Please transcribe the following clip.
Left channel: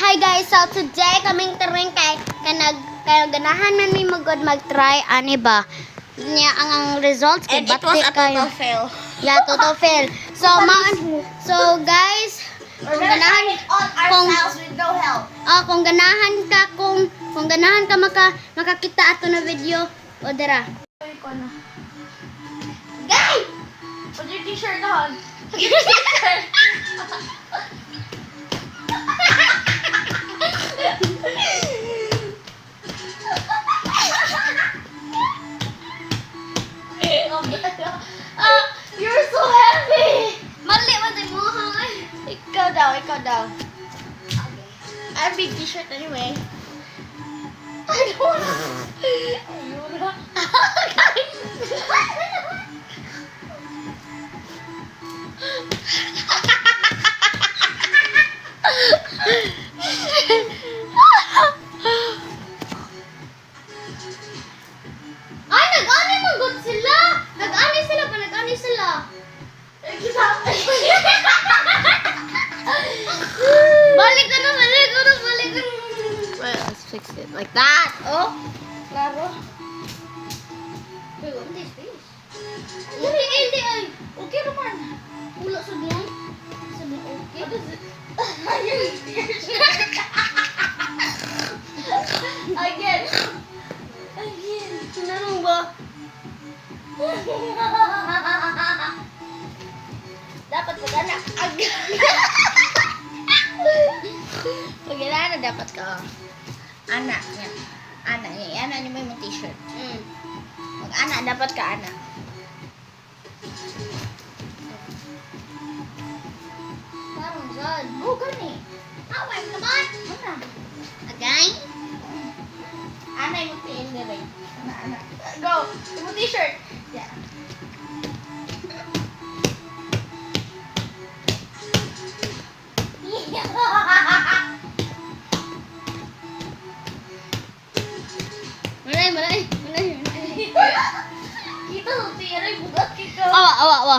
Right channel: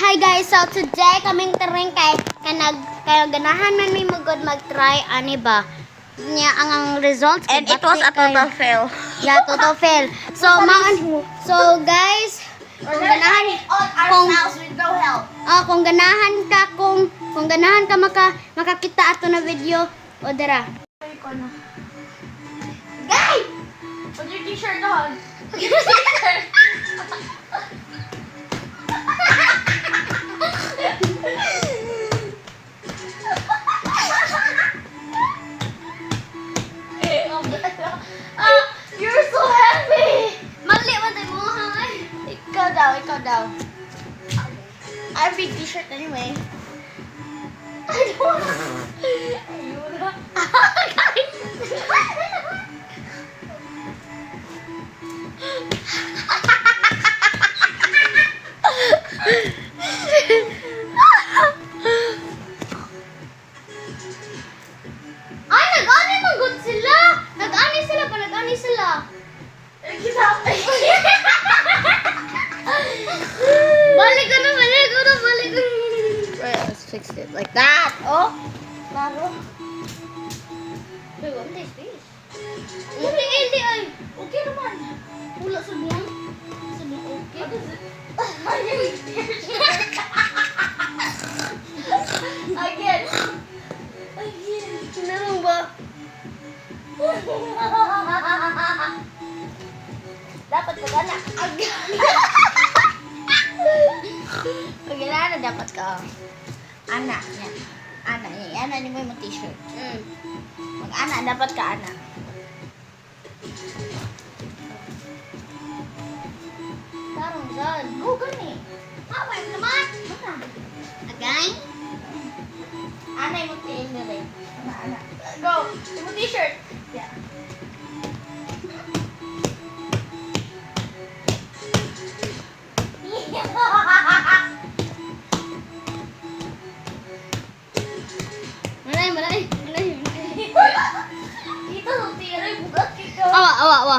Hi guys, so today kaming taring kay ganahan man mi mag-try ani ba. Nya ang results kay And it was a total fail. Yeah, total fail. So guys, kung ganahan kung ganahan ka kung ganahan ka makakita ato na video o dira. Guys! Put your t-shirt on. You're so heavy! Mali man tay mo hangay. Ikaw daw. I have big t-shirt anyway. I don't Ayun. Ay, nag-ani man gud sila. Nag-ani sila. Balik ka na. Well, let's fix it like that. Oh, klaro. Wait, what is this? Hindi ay. Okay naman. Wala sa diyan. Sabi okay. What is it? Again. Ano ba? Dapat magana. Magana dapat ka. Anak niya. Anak niya. Anak niya may t-shirt. Mag-anak dapat ka anak. Tarong sad. Go gani. Away naman. Mana? Again? Anak mo tiin ni rin. Anak. Go. Yung t-shirt. Yeah. Manay. Kita sa tiray bugat kita. Awa.